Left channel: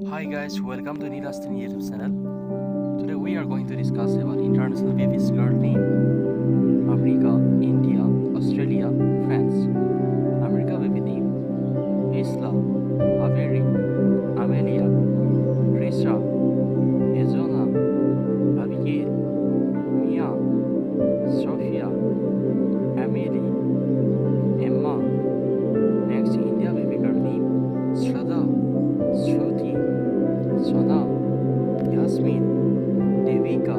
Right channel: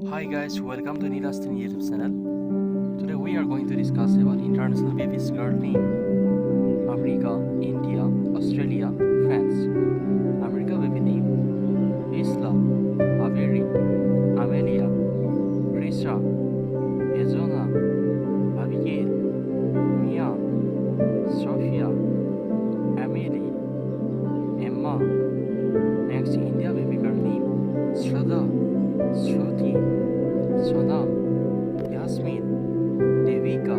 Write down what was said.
Hi guys, welcome to Nirastin YouTube channel. Today we are going to discuss about international babies girl name. America, India, Australia, France. America baby name. Isla, Avery, Amelia, Trisha, Ezona, Abigail, Mia, Sophia, Emily, Emma. Next India baby girl name. Shraddha, Shruti, Sonam, Yasmin, Devika,